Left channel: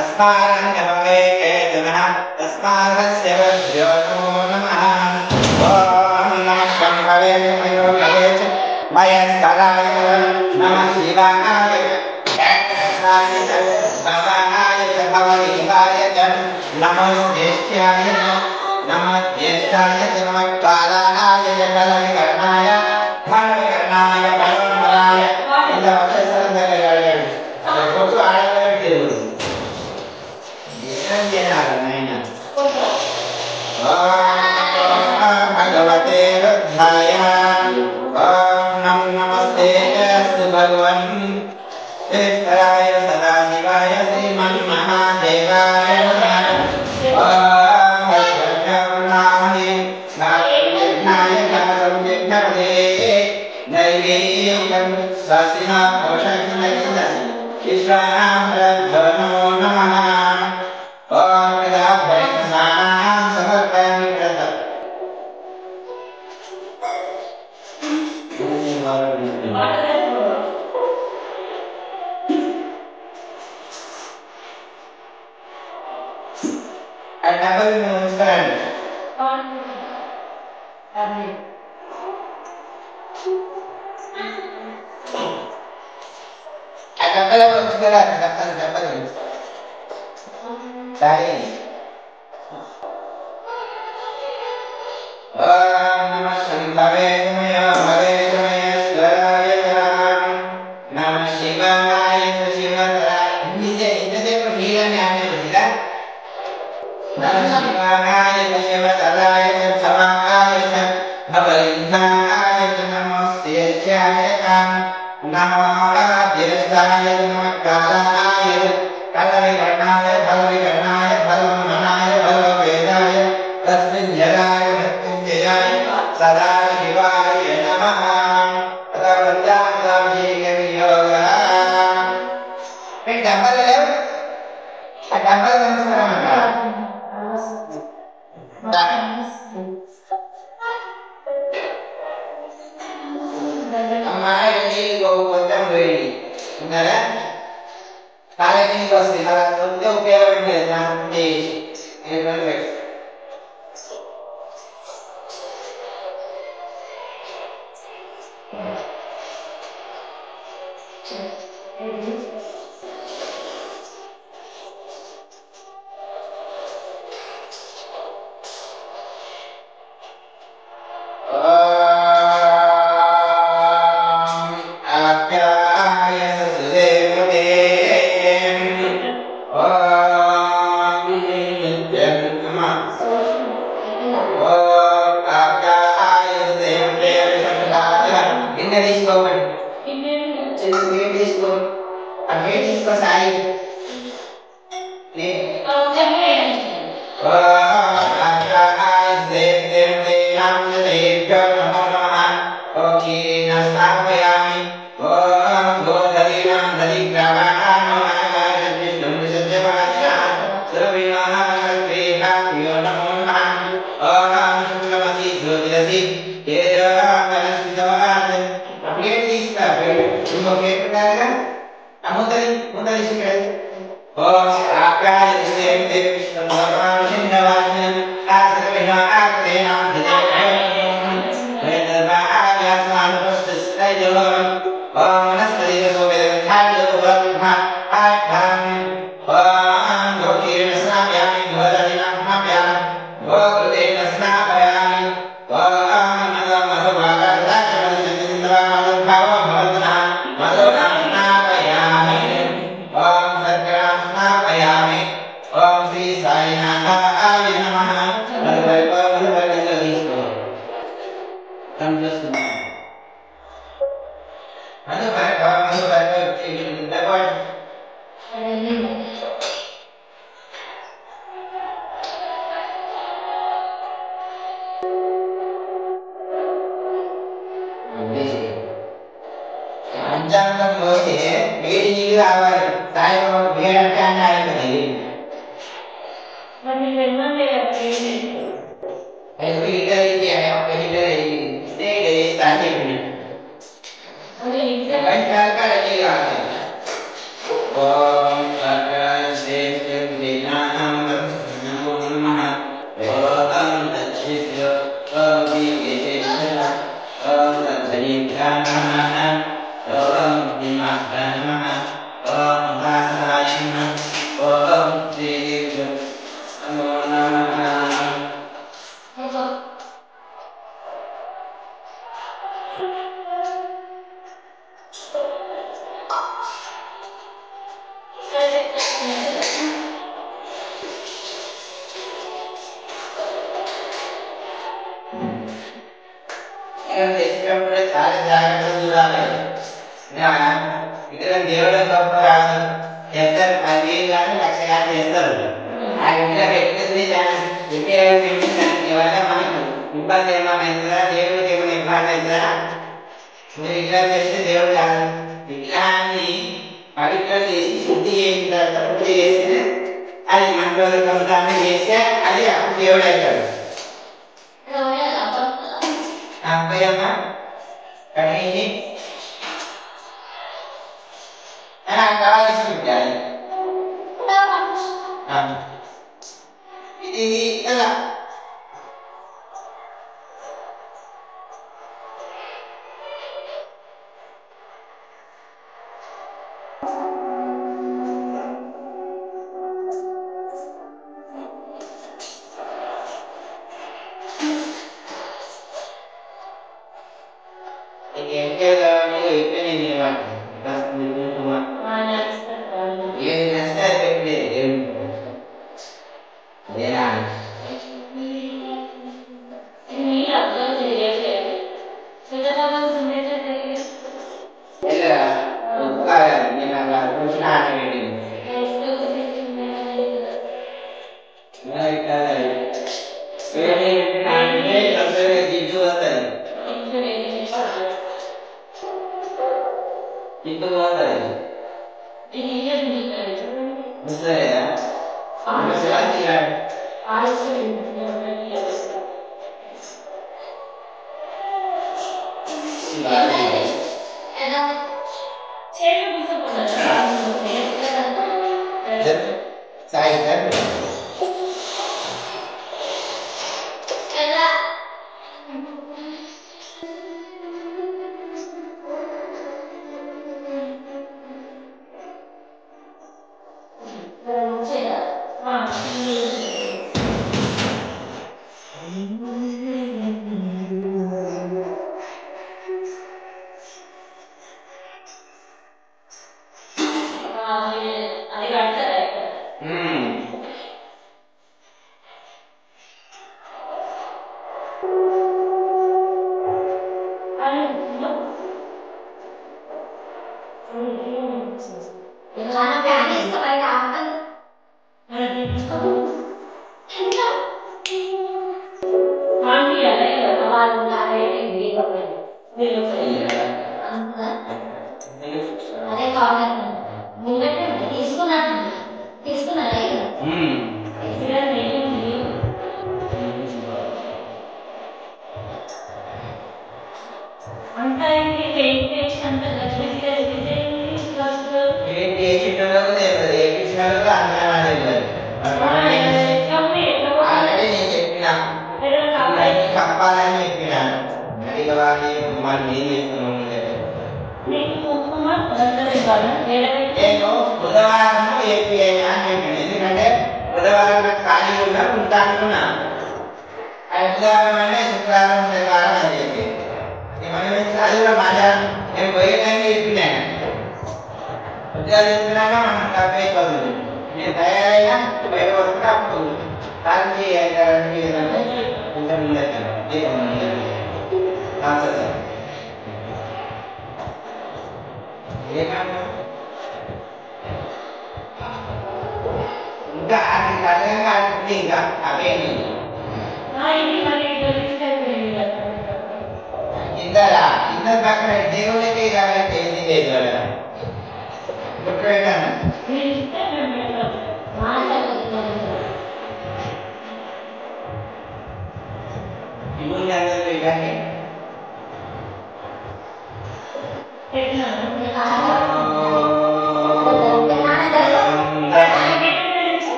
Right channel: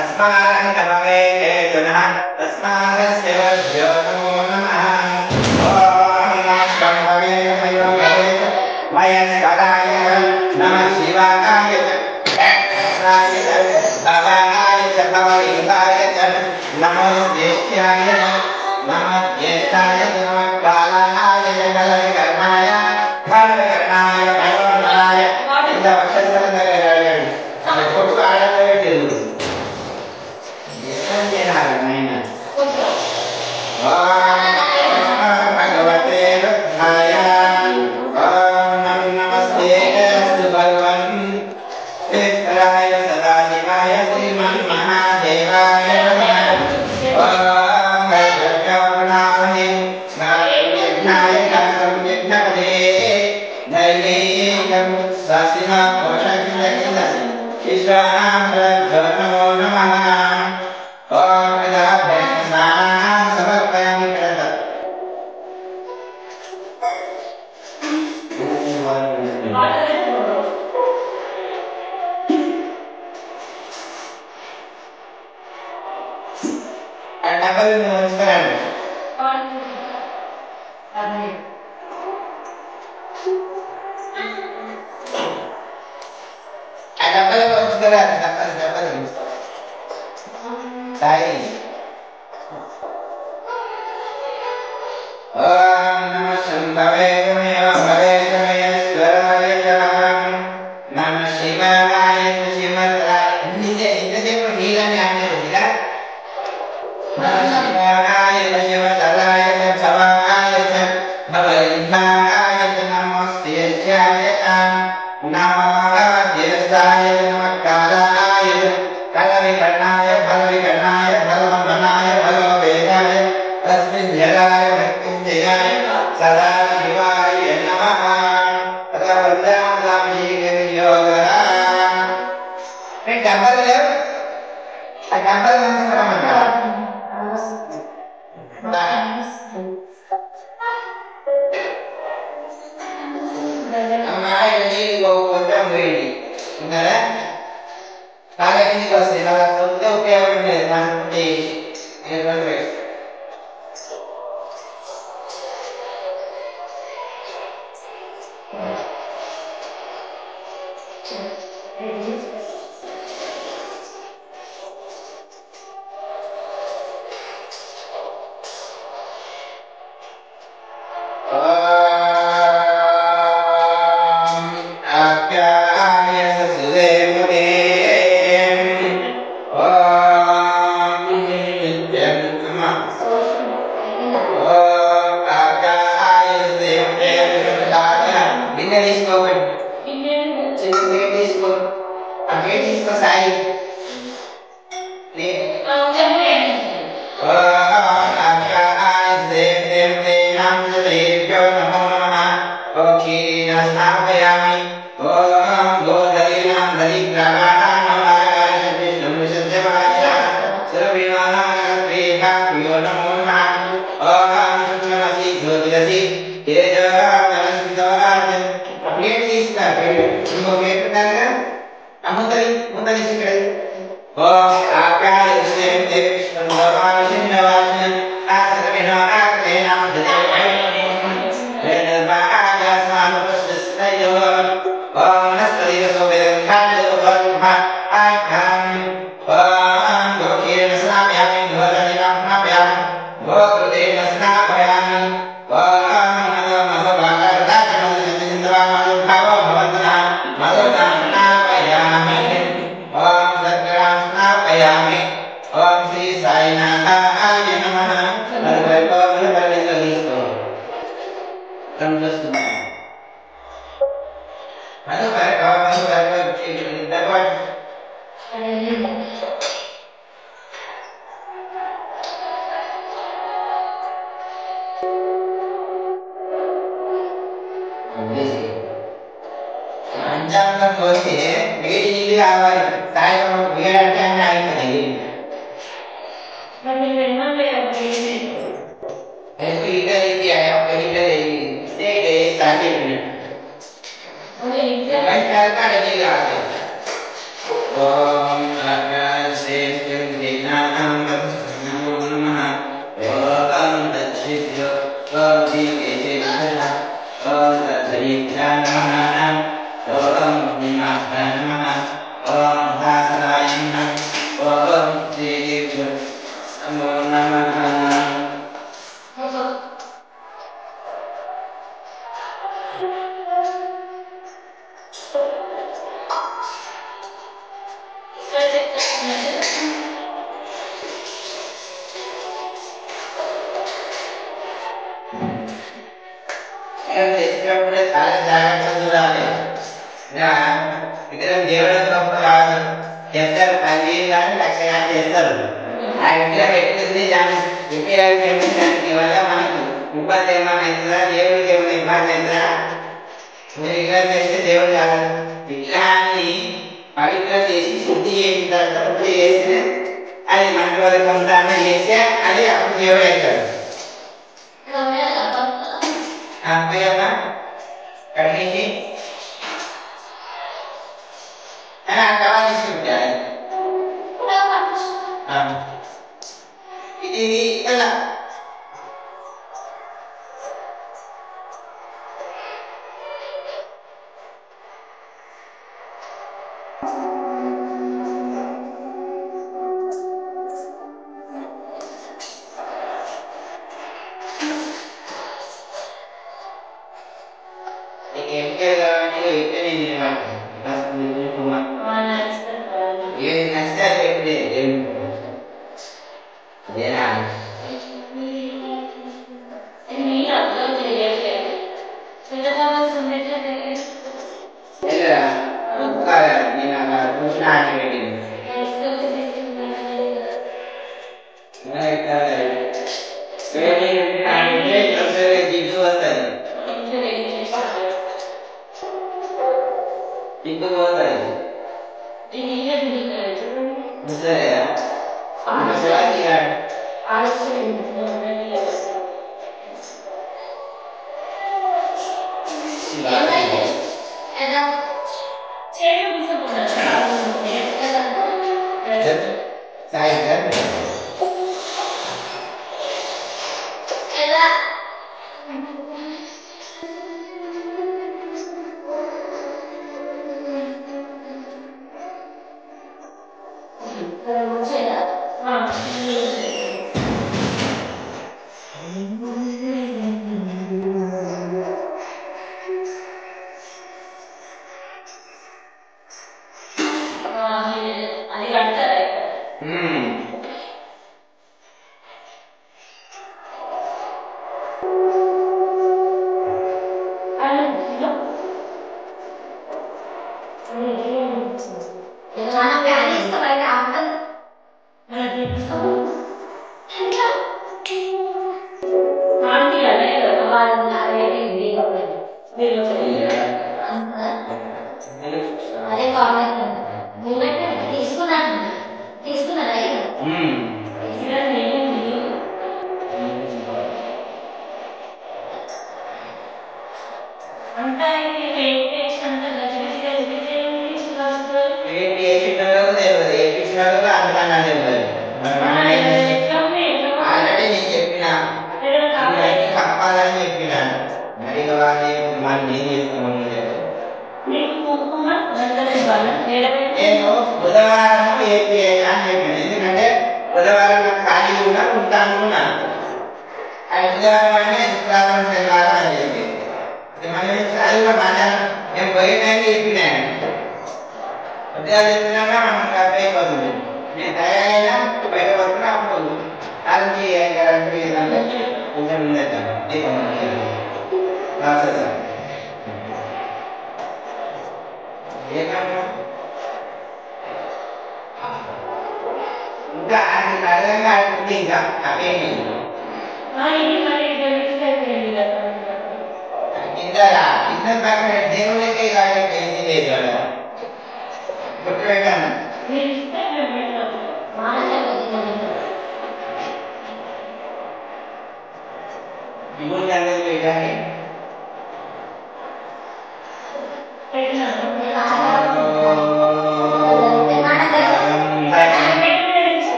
Asmaran Om Namo Buddhaya.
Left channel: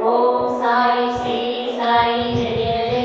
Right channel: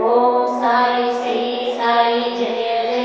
Om Sai Sri Sai Jaya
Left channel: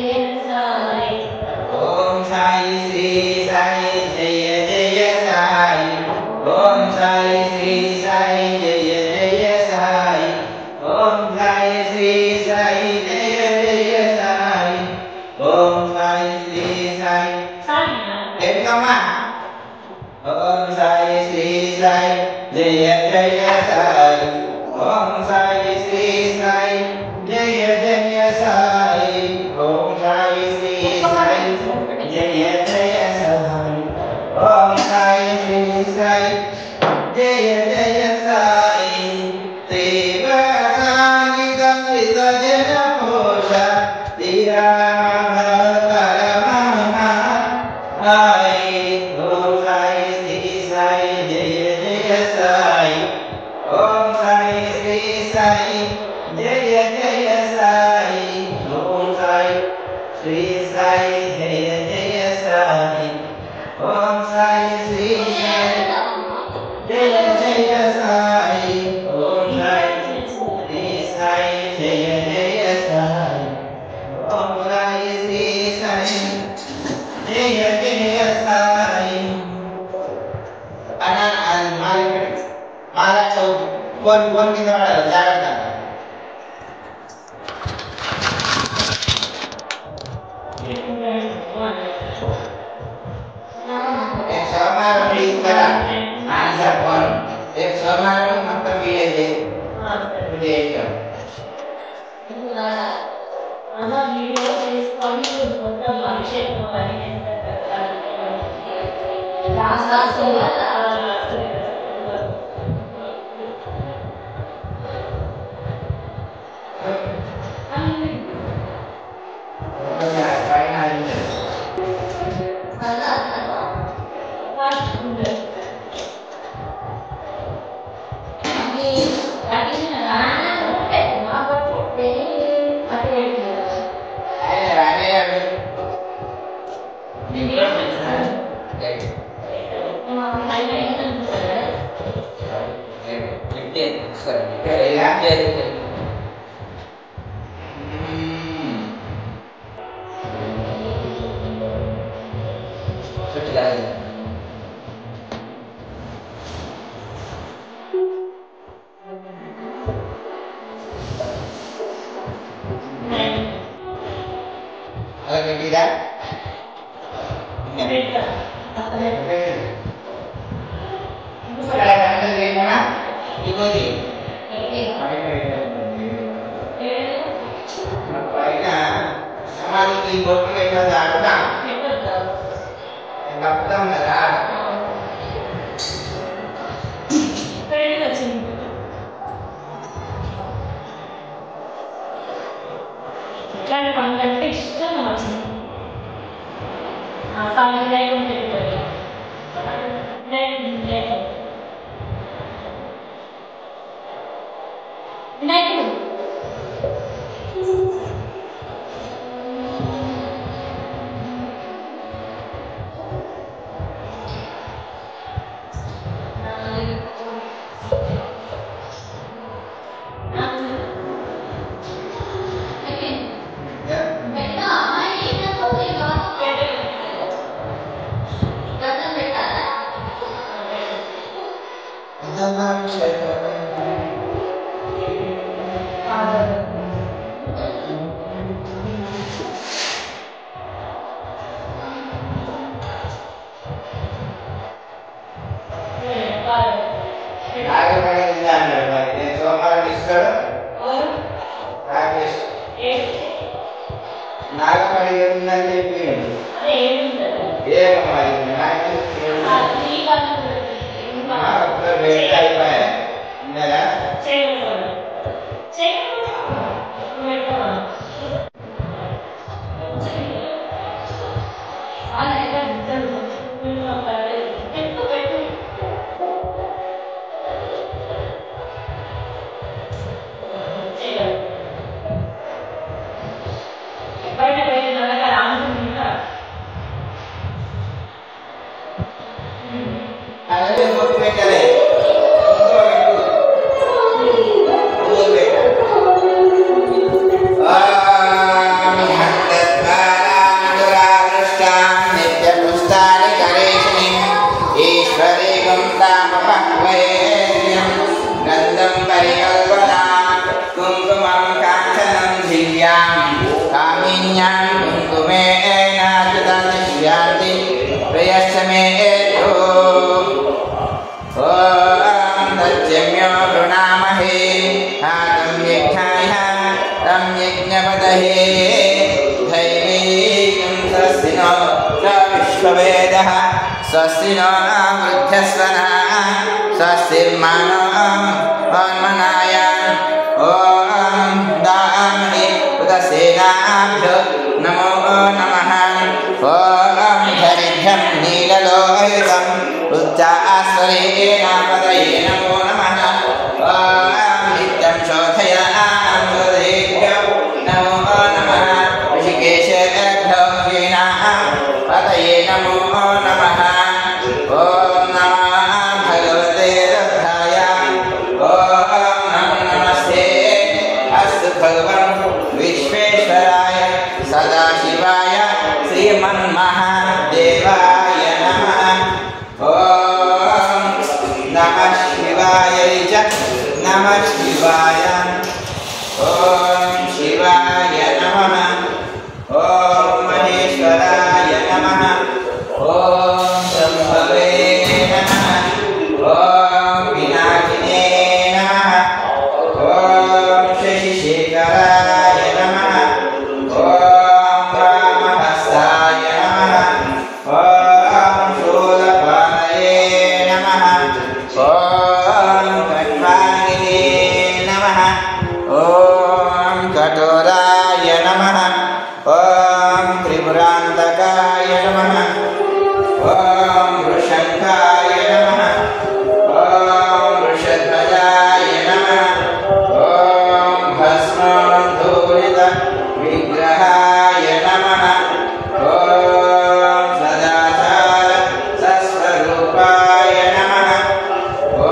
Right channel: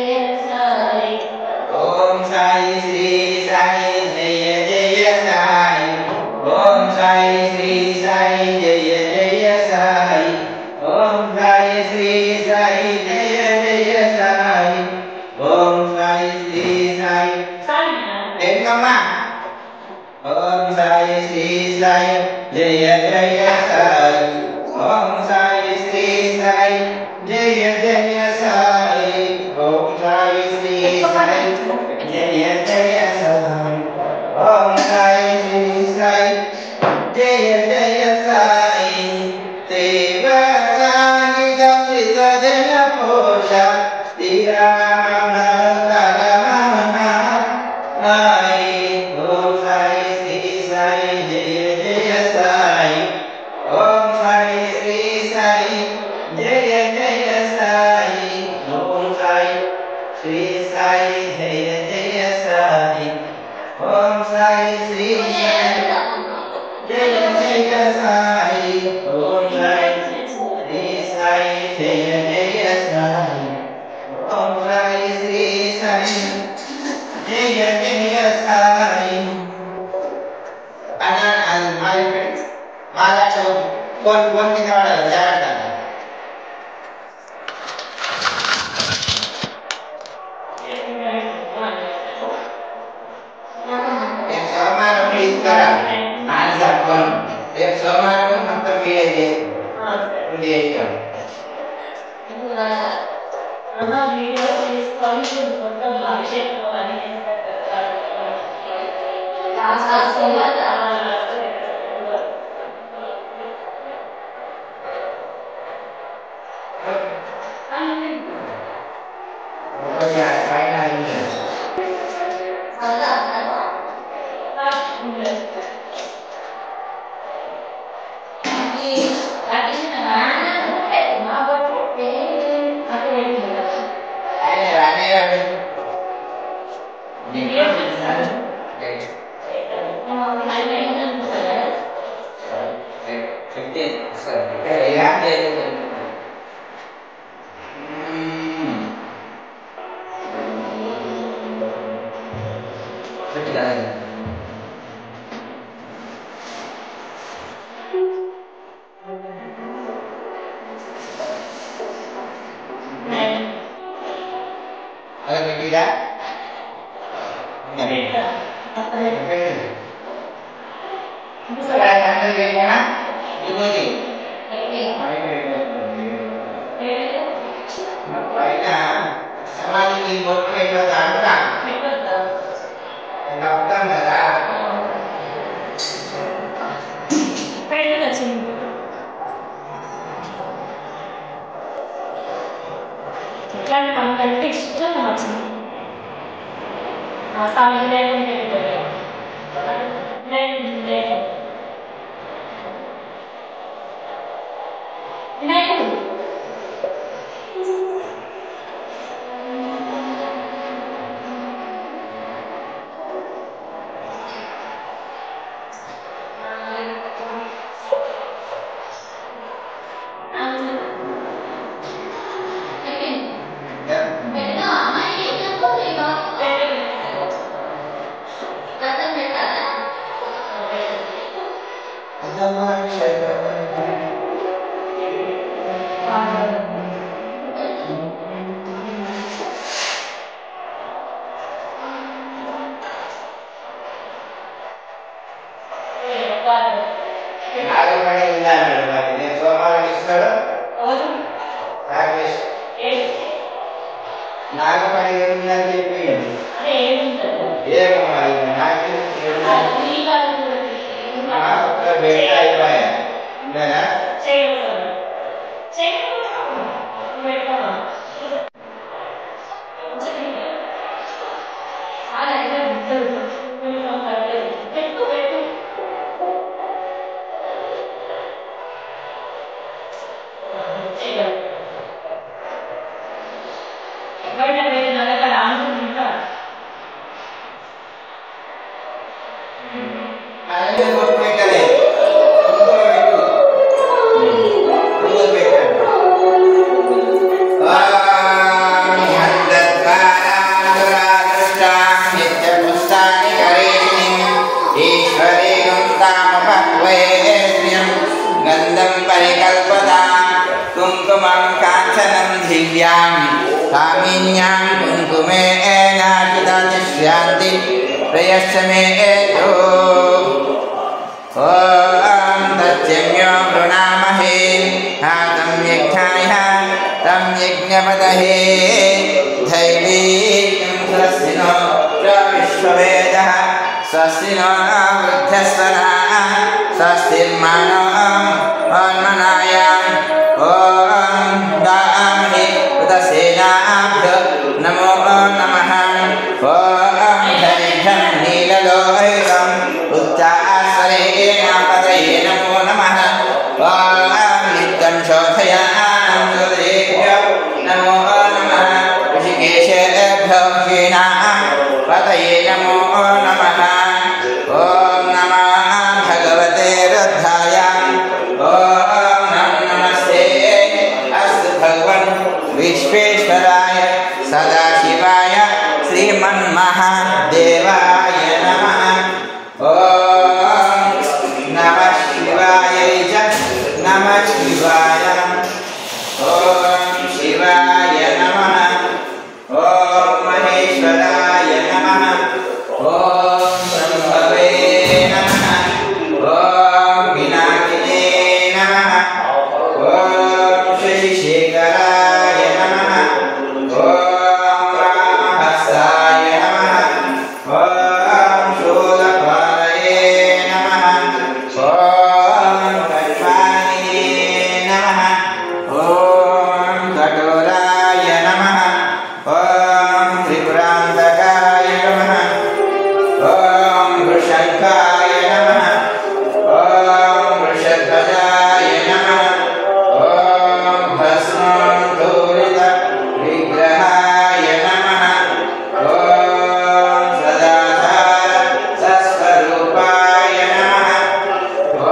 यज्ञपतहे धैर्ये स्वस्ति no वृद्धस्वना स्वस्तिर्मनो अन्मनायान् ॐ दामि उदसेनाभ्यो नमो नमः ॐ धरिभ्यं नीललोहितं उच्चास्वरेण पदये नमो नमः ॐ नित्यं शोधयामि हृदयेभ्यो नमो नमः ऋषिकेशेभ्यो पदये नमो नमः ॐ नमः भगवते रुद्राय ॐ नमस्ते अस्तु भगवन् विश्वेश्वराय सदाशिवाय श्रीमन्महादेवाय नमः ॐ नमः शिवाय च नमः शिवाय ॐ शिवाय नमः ॐ महेश्वराय नमः ॐ ब्रह्मवे नमः ॐ विनायिने नमः ॐ शशिशेखराय नमः ॐ वामहस्ताय नमः ॐ शूलपाणये नमः ॐ कण्वानिने नमः ॐ चतुराय नमः ॐ त्रिपुरान्तकाय नमः ॐ वृषङ्काय नमः ॐ वृषध्वजाय नमः ॐ भस्मोद्धूलित विग्रहाय नमः ॐ सदाचार सस्वरूपाय नमः ॐ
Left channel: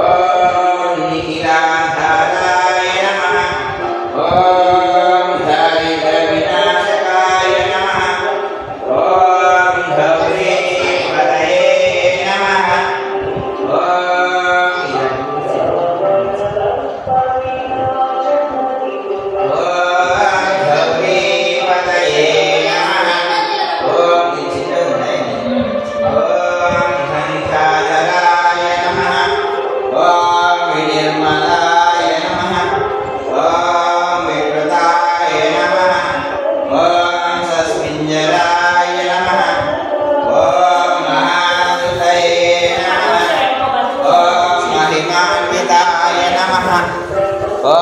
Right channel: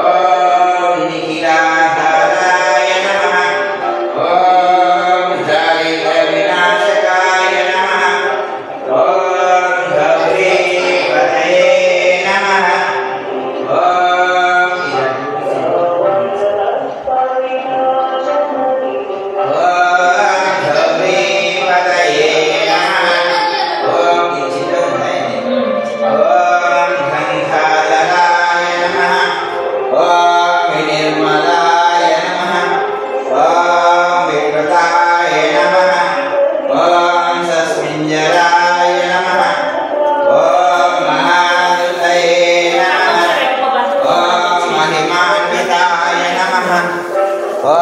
निखिलाधाराय नमः ॐ दारिद्र्यविनाशकाय नमः ॐ गौरीपतये नमः गौरीपतये नमः ॐ घंटाधराय नमः ॐ विनिर्मलाय नमः ॐ विकृताय नमः ॐ सस्मिञ्जराय नमः ॐ महादुतये नमः ॐ महिमान्विताय नमः ॐ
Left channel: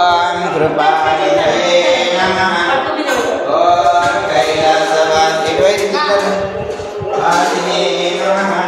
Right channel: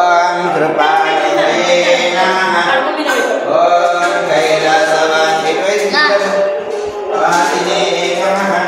कृपानिधये नमः ॐ कैलासवासिने नमः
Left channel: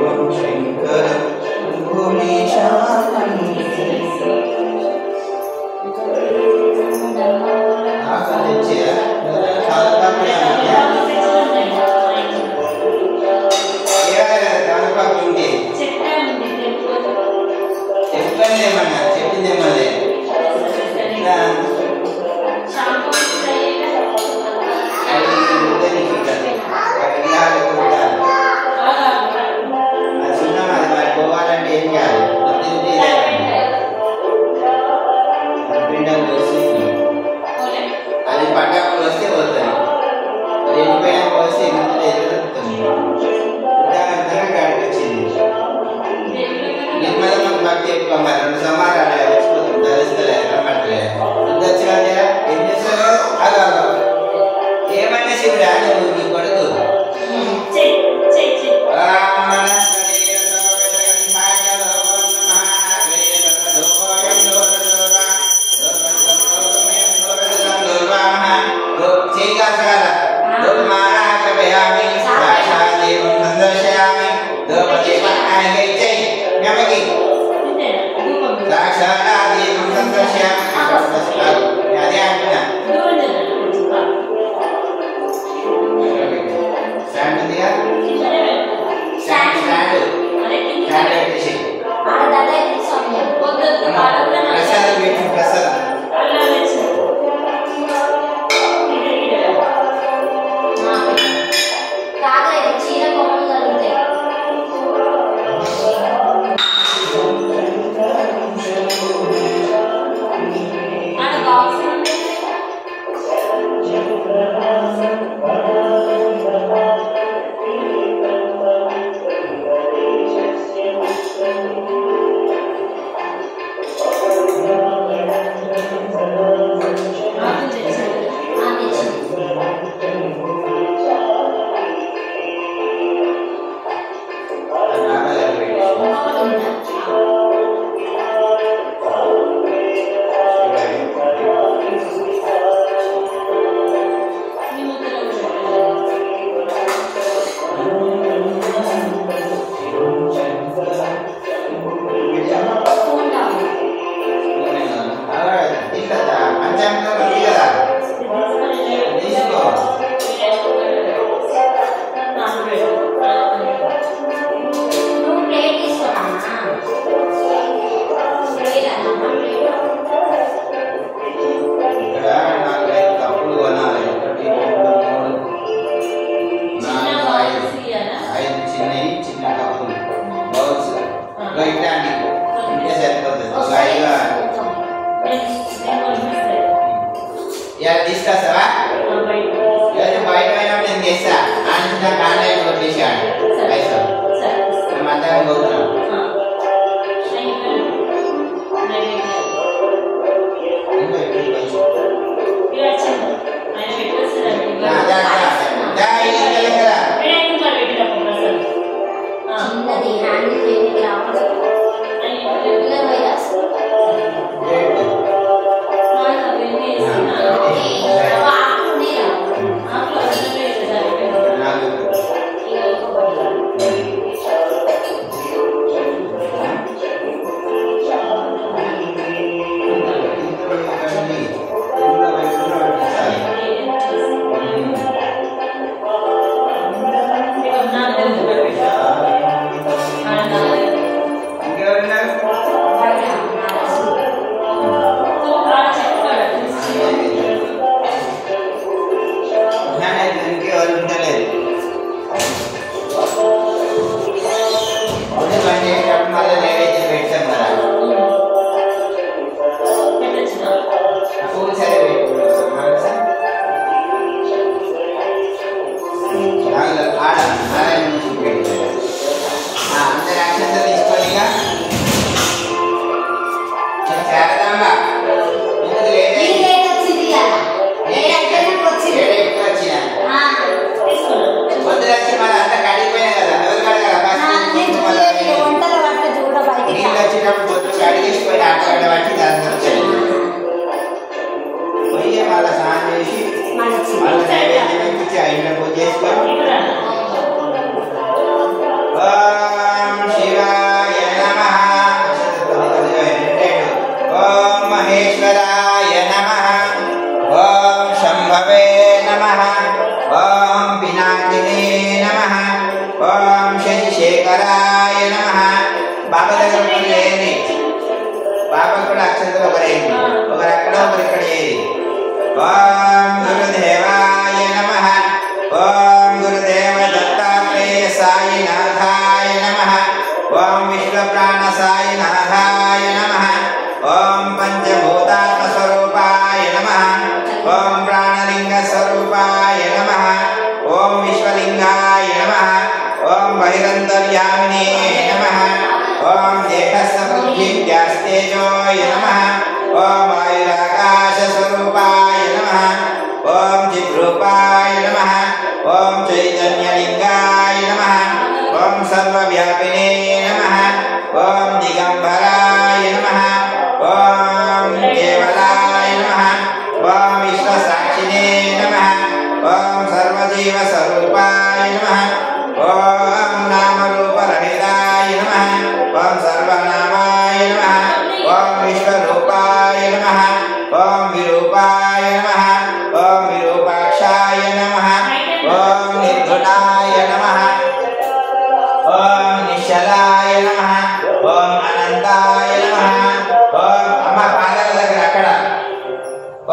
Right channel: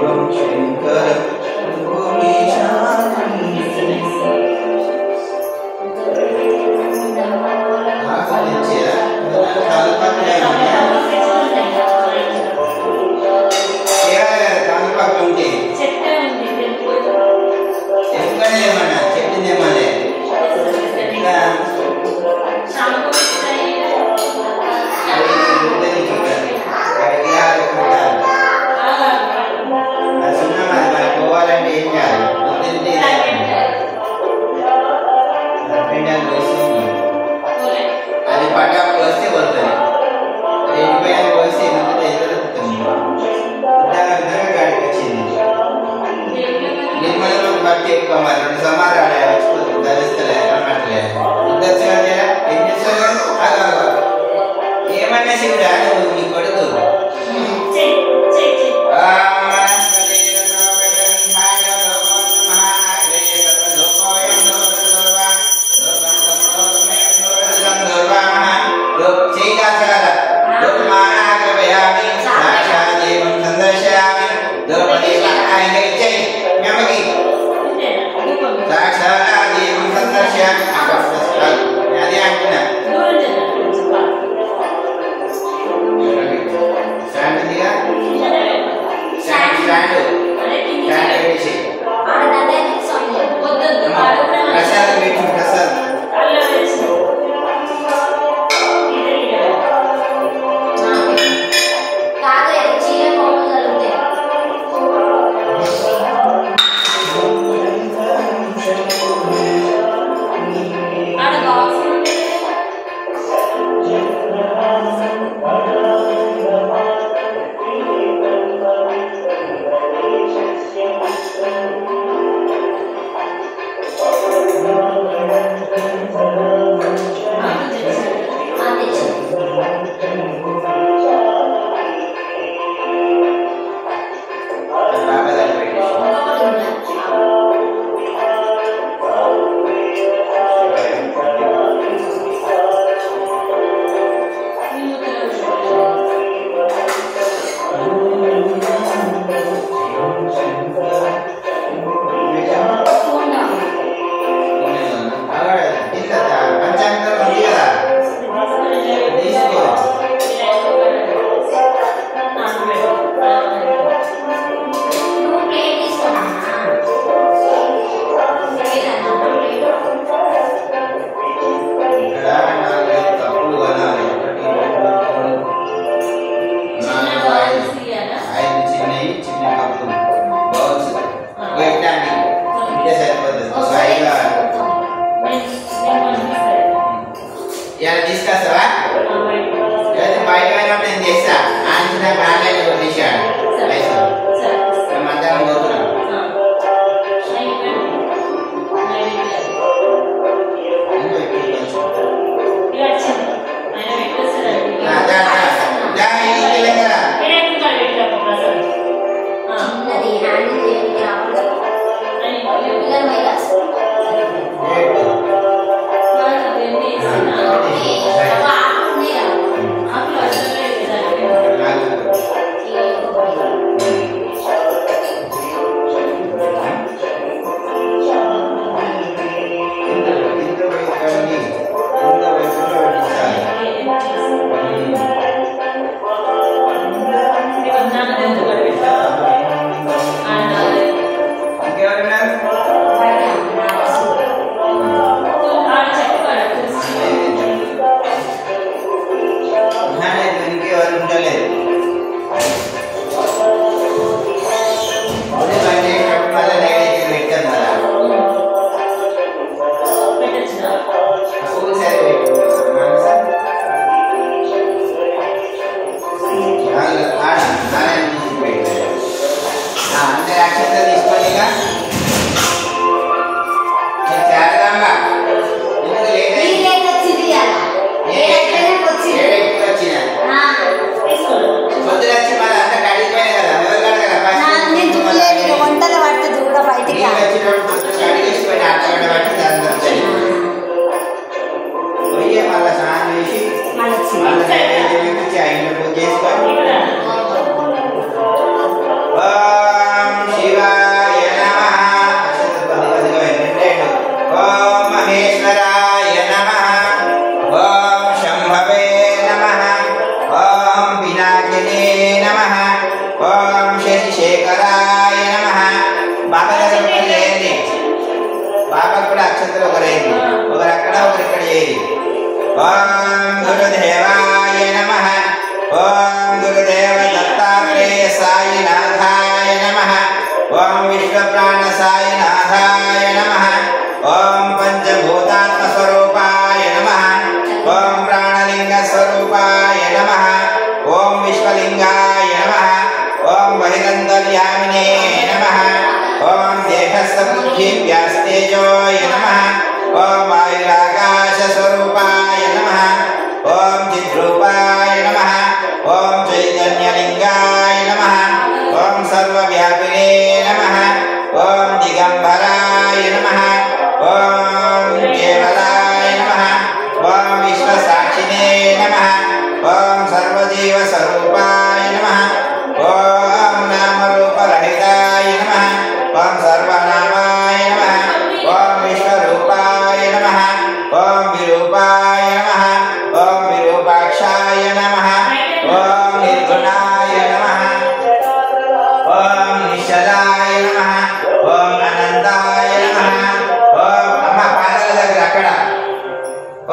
శివం శంకరం భూమిశానం చేతులు ఒకరేంటి, ఒకరు అక్కడ ఒకరు ఇక్కడ చేరి. ఓం గురుదేవాయ నమః. ఓం గురుదేవ దత్తాత్రేయ సాయినాథాయ నమః. ఓం విశ్వప్రాణ సాయినాథాయ నమః. ఓం పంచభూతాత్మ స్వరూపాయ నమః. ఓం ప్రాణలింగ స్వరూపాయ నమః. ఓం విశ్వలింగాయ నమః. ఓం బహిరంతర్యామినే నమః. ఓం దేహసమృద్ధివ్యాస్తేజోయ నమః. ఓం వాయురాకాశ స్వరూపాయ నమః. ఓం చిద్రూపాయ నమః. ఓం చైతన్యలింగాయ నమః. ఓం సర్వవ్యాపినే నమః. ఓం దిగంబరాయ నమః. ఓం కేవలాయ నమః. ఓం విశ్వసాక్షినే నమః. ఓం సర్వజీవ స్వరూపాయ నమః. ఓం నామరూపరహితాయ నమః. ఓం సర్వనామాయ నమః. ఓం విశ్వరూపాయ నమః. ఓం విరూపాయ నమః. ఓం విరూపాక్షాయ నమః. ఓం నిర్గుణాయ నమః. ఓం నిశ్చలాయ నమః. ఓం అనంతాయ నమః. ఓం అమ్మ పాదాల దగ్గర అక్కడ.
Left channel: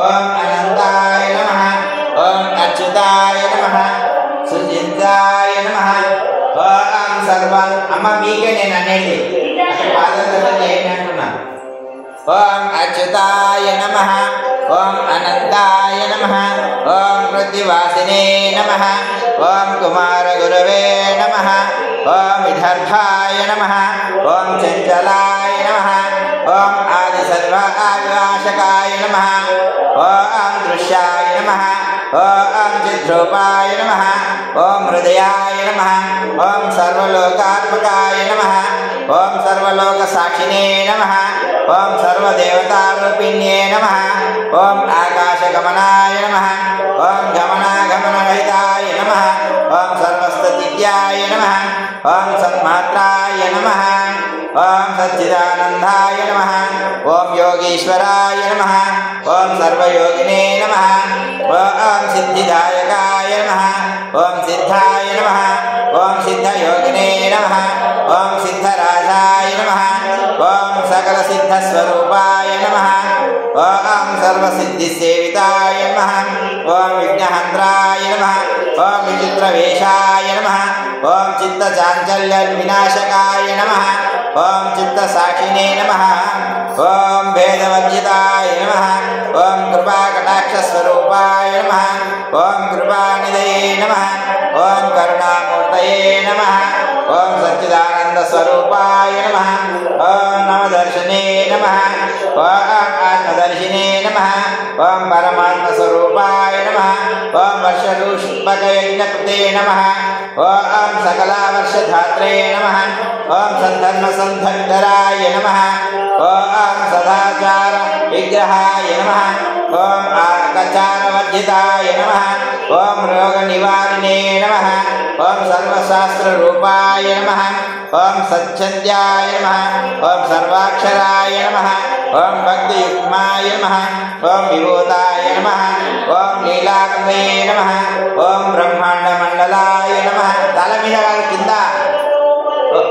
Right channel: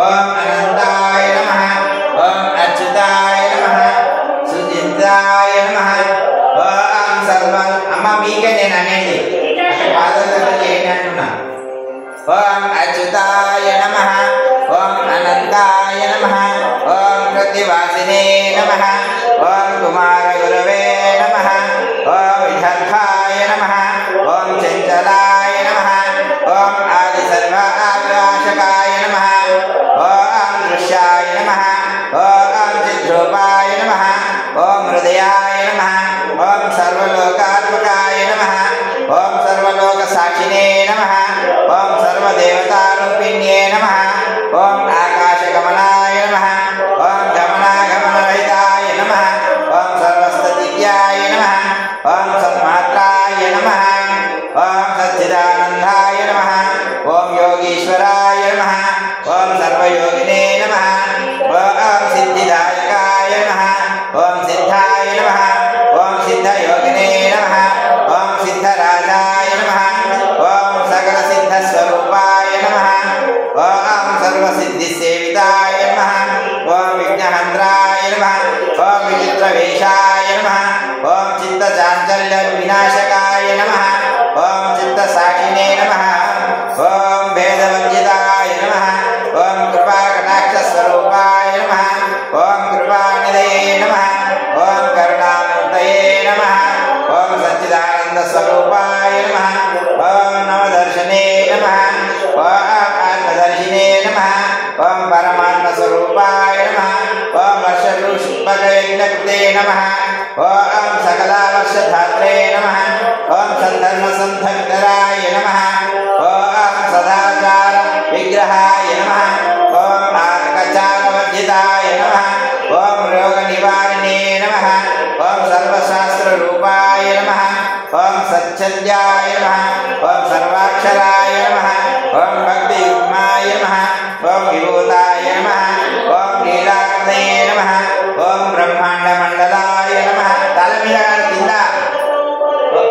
ఓం అనంతాయ నమః. ఓం అచ్యుతాయ నమః. సుజితాయ నమః. ఓం సర్వం అమ్మ మీకే నేను అనేది అక్కడ పాదాల దగ్గర ఏంటి అంటున్నా. ఓం అచ్యుతాయ నమః. ఓం అనంతాయ నమః. ఓం ప్రతివాసినే నమః. ఓం కుమార గురవే నమః. ఓం విదర్భాయ నమః. ఓం చంచలాయ నమః. ఓం ఆది సర్వాకాశకాయ నమః. ఓం దృశ్యాయ నమః. ఓం చిద్రూపాయ నమః. ఓం హృదయాయ నమః. ఓం సర్వలోకాత్మకాయ నమః. ఓం సర్వలోక సాక్షినే నమః. ఓం సర్వదేవతారూపిణ్యే నమః. ఓం ఆకాశగమనాయ నమః. ఓం గమనాగమనరహితాయ నమః. ఓం సర్వస్థిత్యాయ నమః. ఓం సన్మాత్రాయ నమః. ఓం సచ్చిదానందాయ నమః. ఓం యోగీశ్వరాయ నమః. ఓం సర్వయోగినే నమః. ఓం సిద్ధిదాయకాయ నమః. ఓం సిద్ధాయ నమః. ఓం సిద్ధయోగినే నమః. ఓం సిద్ధరాజాయ నమః. ఓం సకల సిద్ధస్వరూపాయ నమః. ఓం సర్వసిద్ధిసేవితాయ నమః. ఓం విఘ్నహంత్రాయ నమః. ఓం విచిత్రవేషాయ నమః. ఓం చిత్తచాంచల్య వినాశకాయ నమః. ఓం చిత్తసాక్షినే నమః. ఓం భేదవర్జితాయ నమః. ఓం కృపాకటాక్షస్వరూపాయ నమః. ఓం కృపానిధయే నమః. ఓం కరుణామూర్తయే నమః. ఓం సచ్చిదానంద స్వరూపాయ నమః. ఓం నవదర్శనే నమః. ఓం ఆత్మదర్శినే నమః. ఓం పరమాత్మ స్వరూపాయ నమః. ఓం వర్షఋషుపకయజ్ఞకృతే నమః. ఓం సకలావర్షధాత్రే నమః. ఓం సంధర్మ సంధర్ధరాయ నమః. ఓం సదాచార విగ్రహాయ నమః. ఓం ఆకచాకవర్జితాయ నమః. ఓం రోగ నివారిణే నమః. ఓం సర్వశాస్త్ర రూపాయ నమః. ఓం సత్యద్యాయ నమః. ఓం సర్వాక్షరాయ నమః. ఓం భక్తియుగ్మాయ నమః. ఓం విభూతాయ నమః. ఓం లీలాకృతయే నమః. ఓం బ్రహ్మాండ మండలాయ నమః. తల మీద కింద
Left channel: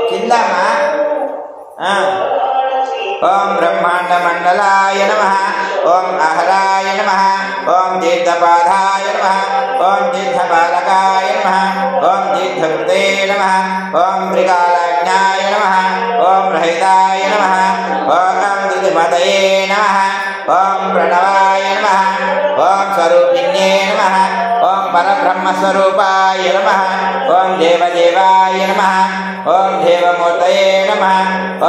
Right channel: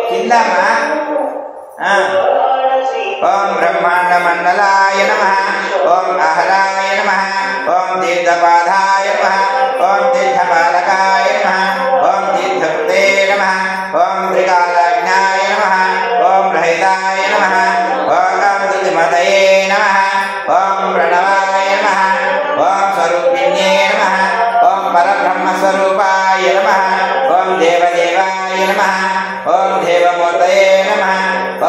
కింద ఓం బ్రహ్మాండ మండలాయ నమః. ఓం అహరాయ నమః. ఓం తీర్థపాదాయ నమః. ఓం తీర్థపాలకాయ నమః. ఓం తీర్థకృతే నమః. ఓం త్రికాలాజ్ఞాయ నమః. ఓం రహితాయ నమః. ఓం ధృతిమతయే నమః. ఓం ప్రణవాయ నమః. ఓం స్వరూపిణ్యే నమః. ఓం పరబ్రహ్మస్వరూపాయ నమః. ఓం దేవదేవాయ నమః. ఓం దేవమూర్తయే నమః.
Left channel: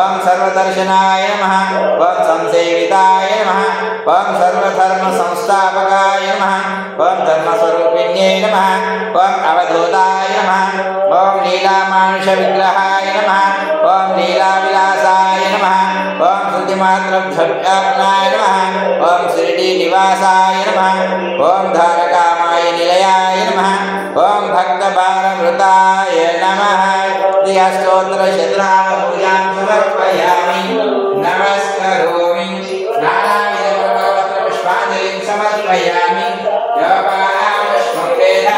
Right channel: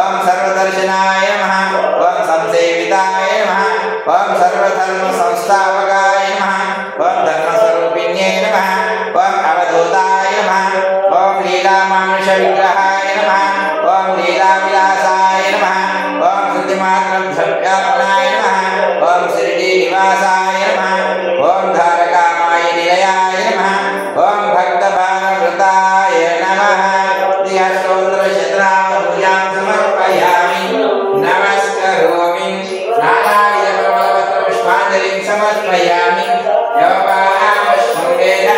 ఓం సర్వదర్శనాయ నమః. ఓం సంసేవితాయ నమః. ఓం సర్వధర్మ సంస్థాపకాయ నమః. ఓం ధర్మస్వరూపిణ్యే నమః. ఓం అవధూతాయ నమః. ఓం లీలామానుష విగ్రహాయ నమః. ఓం లీలావిలాసాయ నమః. ఓం శుద్ధిమాత్రభ్యాపనాయ నమః. ఓం శిరిడీ నివాసాయ నమః. ఓం ధారకామాయ నిలయాయ నమః. ఓం భక్తబాలవృతాయ నమః. స్తోత్రశతనామూల్యాం సమర్పయామి. నమస్కరోమి. నానావిధపుష్పాంజలిం సమర్పయామి. యోపాపుష్పం వేద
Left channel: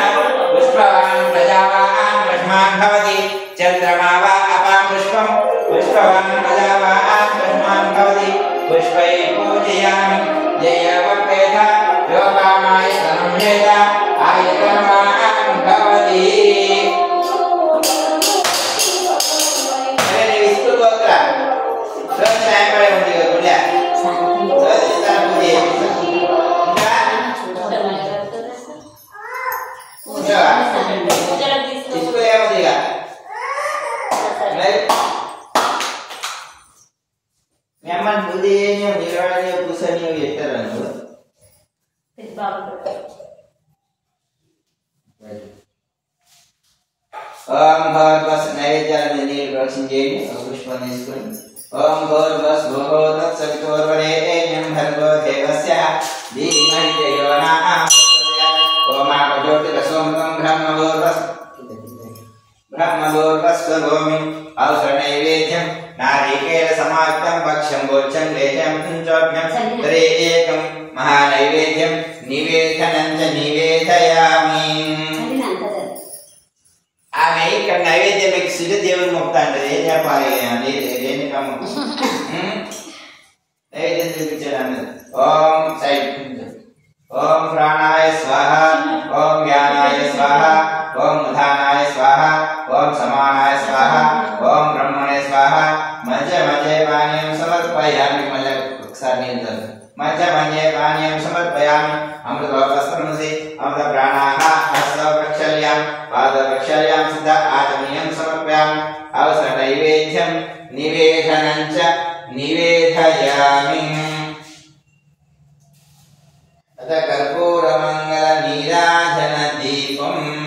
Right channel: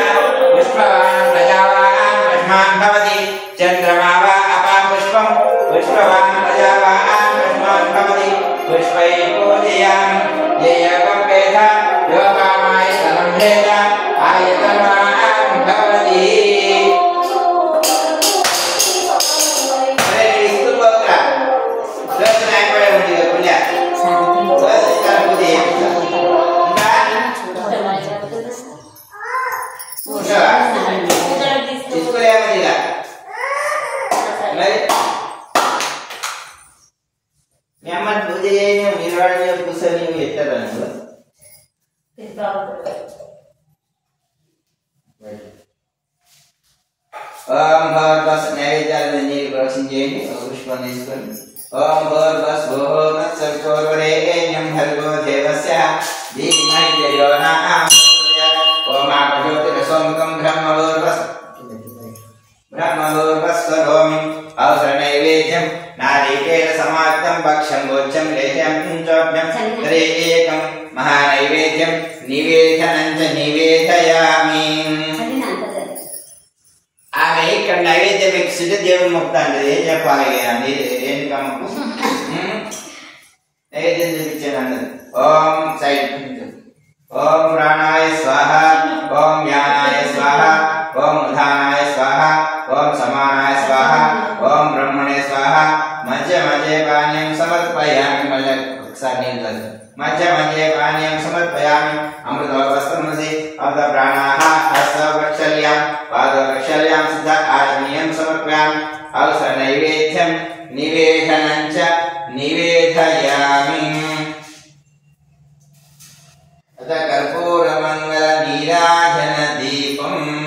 పుష్పవాన్ ప్రజావాన్ పుష్మాన్ భవతి. చంద్రమా వా అపాపుష్పం పుష్పవాన్ ప్రజావాన్ పుష్మాన్ భవతి. पुष्पै पूजयामि जयवपेथ योगामाय सनम्भेद आयतनवान् भवति अरे इसको बोलता सब टाइम पर होती है बोला बस इतना पूरी इसको क्या बजेगा नहीं nyaman budayanya nirwananya kusanya yetaran bu bharbas naivedya nir vaksinjeni pushpaniskan bharbas bhodat saktorvarenyam bhargo devasya dhimai devana apajyotirasomtam brahmavarbas sarvami avsranaivedyam नारिकेल समाक्तं भक्ष्यं गोच्यं लेह्यं चोभ्यं तरे एकं महानैवेद्यं निवेदनं च निवेदयामि आमे एक नैवेद्य में सिद्ध देव मुक्तान दे जब पाले गए ये देने का मुक्त नैवेद्य विचरण ओम साइड ओम प्राणाय स्वाहा ओम व्यानाय स्वाहा ओम उदानाय स्वाहा ओम समानाय स्वाहा ओम ब्रह्मणे स्वाहा मध्य मध्य पानीयं समर्पयामि मध्य मध्य पानीयं समर्पयामि अमृतोपस्त्रमसि अमृत प्राणाः हस्तप्रक्षाल्यां पादप्रक्षाल्यां सिद्ध आचमनीयं समर्पयामि अवसर नैवेद्यं निवेदनं च निवेदयामि अथ कर्पूरमङ्गल नीराजन दीपम्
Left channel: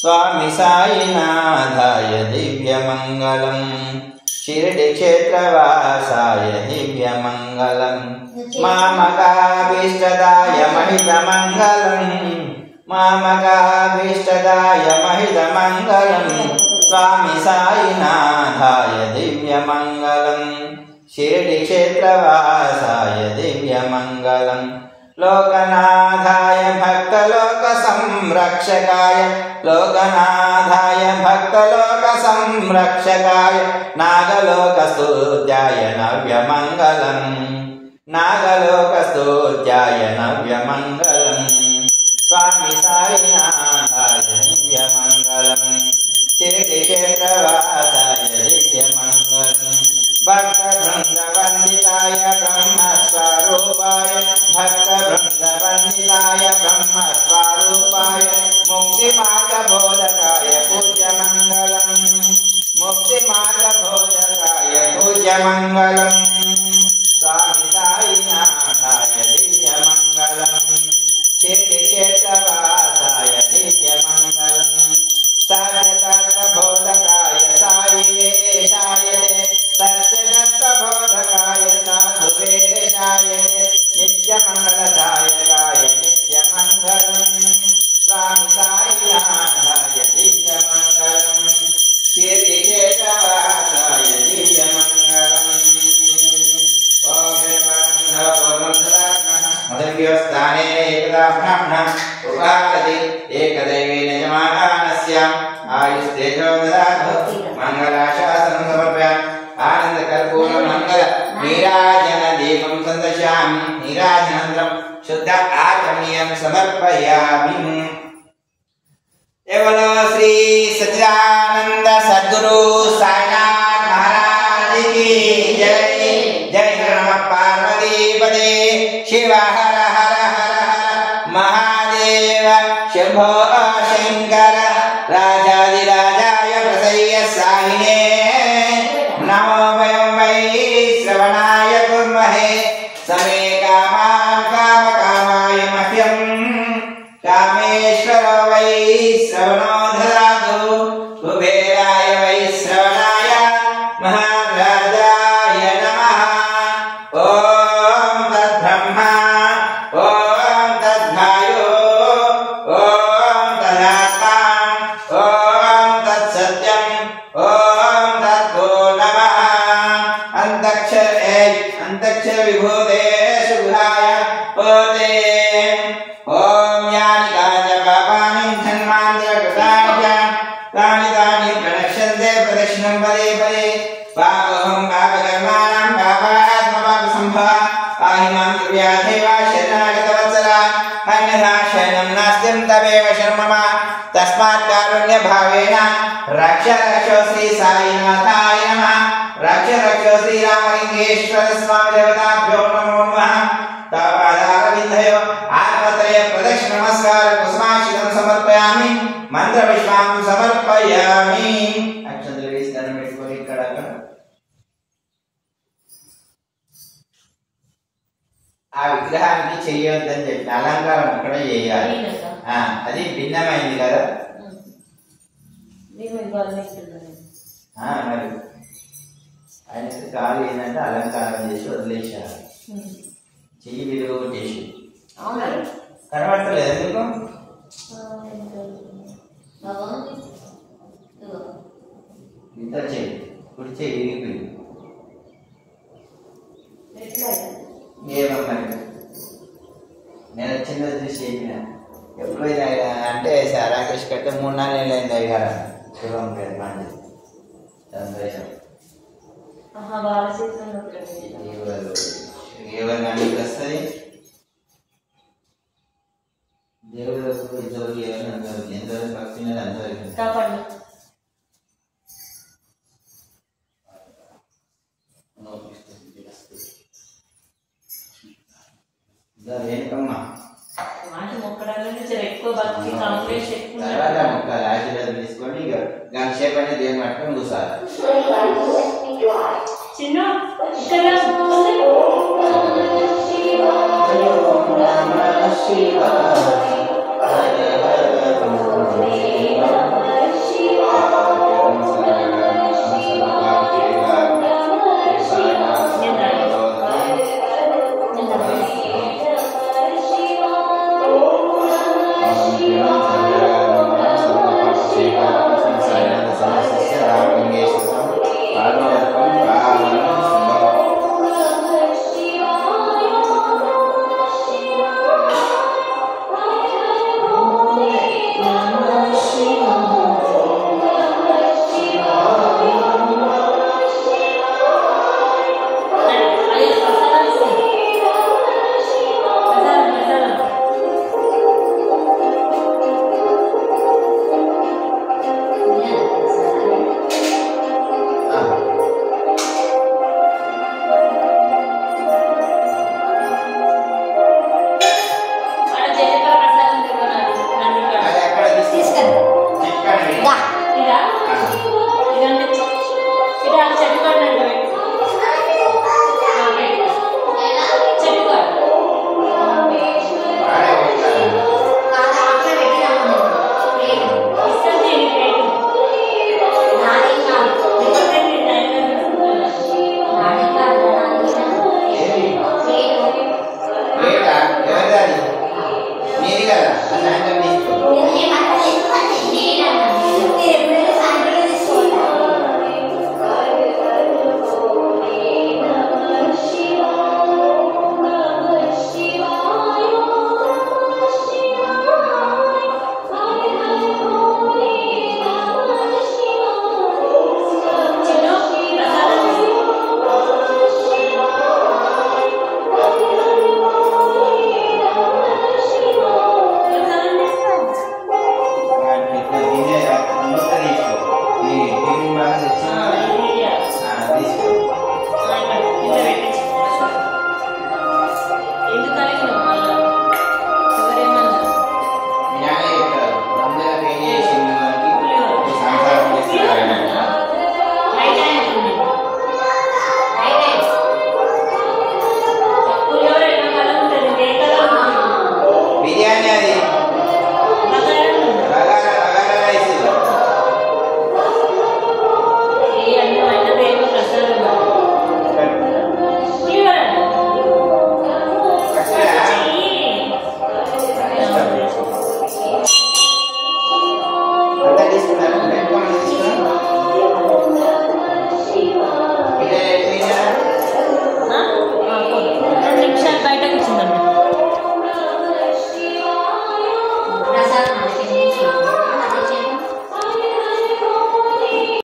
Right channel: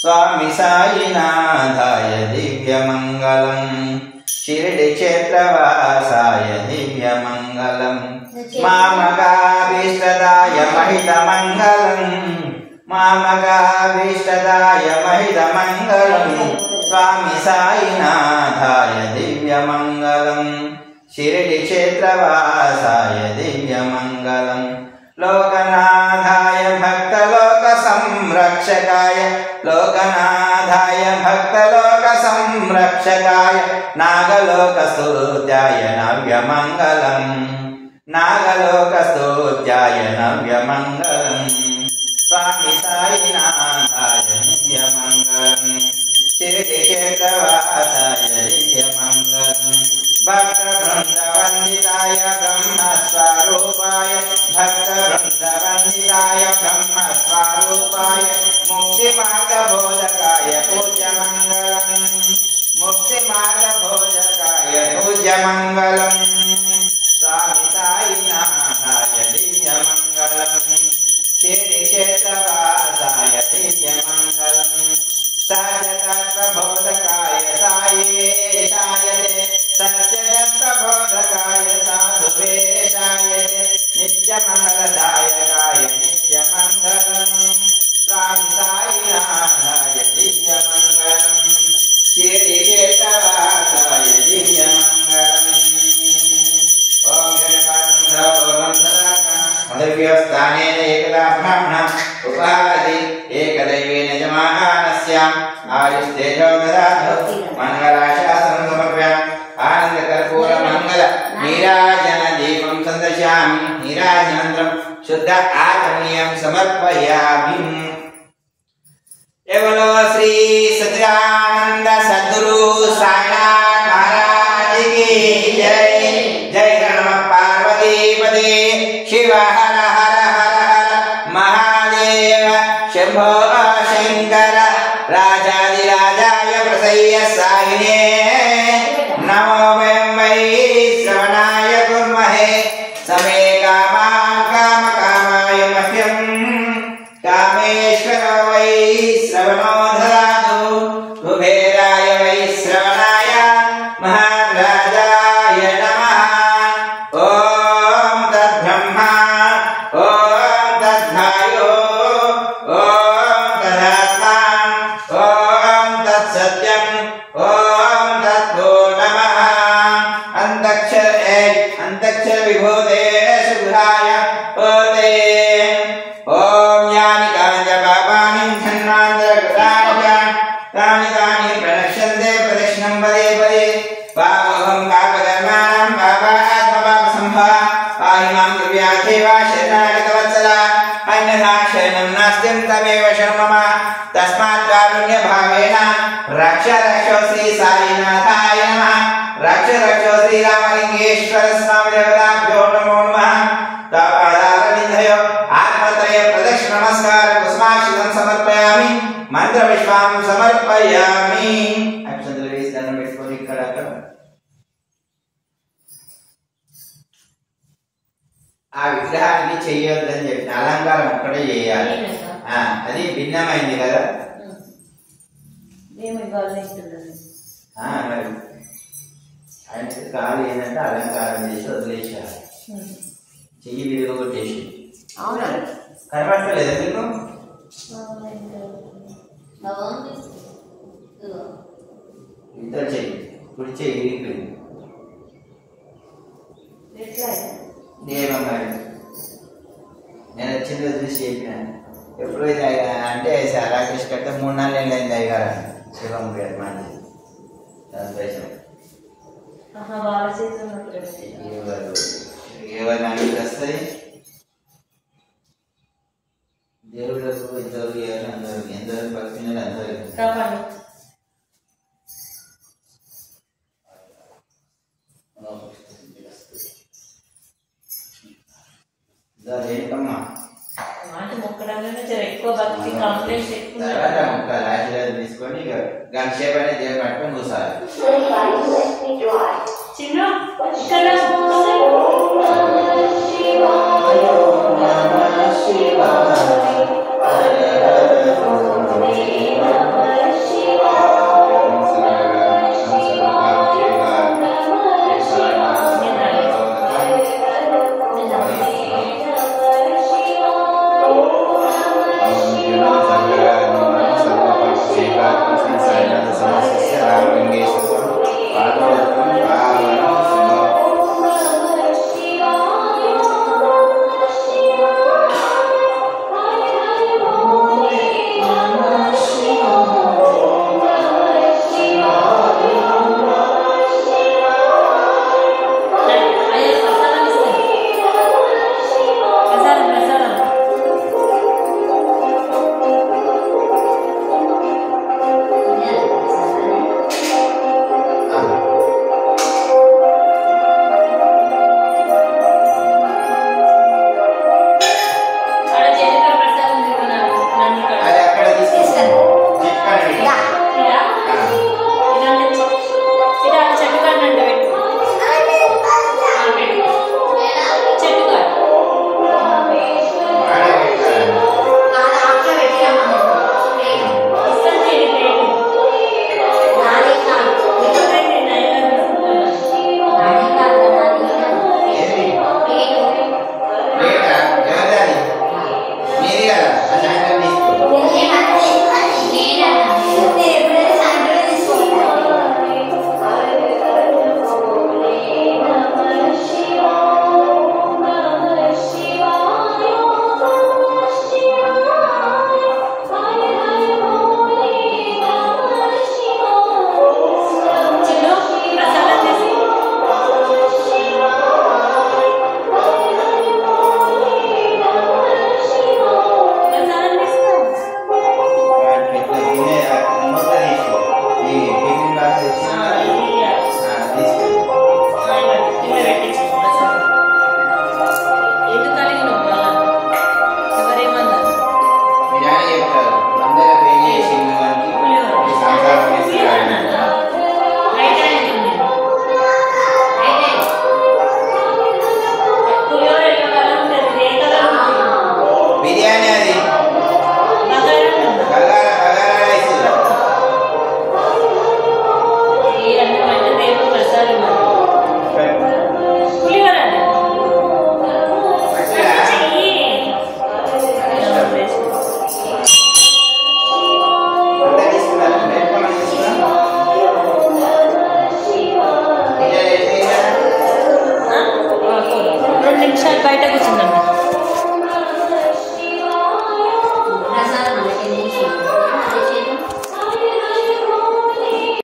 स्वामी साईनाथाय दिव्यमंगलम शिरडी क्षेत्रवासाय दिव्यमंगलम मामकाभीष्टदाय महितमंगलम मामकाभीष्टदाय महितमंगलम स्वामी साईनाथाय दिव्यमंगलम शिरडी क्षेत्रवासाय दिव्यमंगलम लोकनाथाय भक्तलोक संरक्षकाय लोकनाथाय भक्तलोक संरक्षकाय नागलोकस्तुत्याय नव्यमंगलम नागलोकस्तुत्याय नव्यमंगलम स्वामी साईनाथाय दिव्यमंगलम शिरडी क्षेत्रवासाय दिव्यमंगलम भक्तवृन्दवन्दिताय ब्रह्मस्वरूपाय भक्तवृन्दवन्दिताय ब्रह्मस्वरूपाय मुक्तिमार्गबोधकाय पूज्यमङ्गलम् मुक्तिमार्गबोधकाय पूज्यमङ्गलम् स्वामी साईनाथाय दिव्यमङ्गलम् शिरडी क्षेत्रवासाय दिव्यमङ्गलम् सत्यतत्त्वबोधकाय साईवेशाय सत्यतत्त्वबोधकाय साधुवेशाय नित्यमङ्गलदायकाय नित्यमङ्गलम् स्वामी साईनाथाय दिव्यमङ्गलम् तेजो ददातु मंगलाशासनं समर्पयामि आनंद कर्पूर मंगल नीराजन दीपं संदर्शयामि नीराजनानन्तरं शुद्ध आचमनीयं समर्पयामि। बोलो श्री सच्चिदानंद सद्गुरु साईनाथ महाराज की जय। जय नमः पार्वती पदे शिव हर हर हर हर महादेव शंभो शंकर राजाधिराजाय प्रसय्य साहिने नमो वयं वै श्रवणाय कुर्महे समे कामान् कामकामाय मह्यं कामेश्वरो वै श्रवणो ददातु कुबेराय वै श्रवणाय महाराजाय नमः। ॐ तद्ब्रह्मा ॐ तद्वायो ॐ तदात्मा ॐ तत्सत्यं ॐ तत्तो नमः। अंतक्षर विभूते शुभाय पोते ॐ यानि कानि पापानि जन्मान्तरकृतानि तानि तानि प्रणश्यन्ते प्रदक्षिणं पदे पदे पापोऽहं पापकर्माणां पापात्मपापसम्भवा पाहि मां दिव्यादेवा शरणागतवत्सला अन्यथा शरणं नास्ति तमेव शरणं मम तस्मात् कारुण्यभावेन रक्ष रक्षो श्री साईनाथाय नमः। रक्ष रक्षो श्री रामलिंगेश्वर स्वामी देवताभ्यो नमो नमः। तापादारविन्दयो आत्मत्रय प्रदक्षिण नमस्कार कुसुमाक्षितं समर्पयामि मंत्रपुष्पं समर्पयामि। अक्षंतలు వేసి దండం పెట్టుకొని ఇక్కడ ఆ విగ్రహానికి చేయొద్దని చెప్పిన అలంకారం ఒక్కడే చేయాలి। అది భిన్నమైంది కదా మరి ఆయనకి కాలు ఏంటంటే అలంకారం చేసి వదిలేసారు చెయ్యి విలువ కొట్టేసి కనబడతలేదు మీకు ఇద్దరు చెయ్యి కుడి చెయ్యి విరిగిపోయింది ఏమమ్మా నేను వచ్చింది చూసి చెప్పిన ఎప్పుడైతే అంటే రాకేష్ కట్టే 3 నాలుగు అయింది అయ్యారు శివం గారు మంది సంతోషం ఏమన్నా వస్తుంది దేవుడు ఇద్దరు అందరు ఎందరు భక్తులు అందరు ఏంటమ్మా తర్వాత ముక్కలు ఆశీర్వాదం తీసుకొని ఇక గంట సేపు అని దేవుని పట్టుకొని కూర్చోాలి रामलिंगेश्वर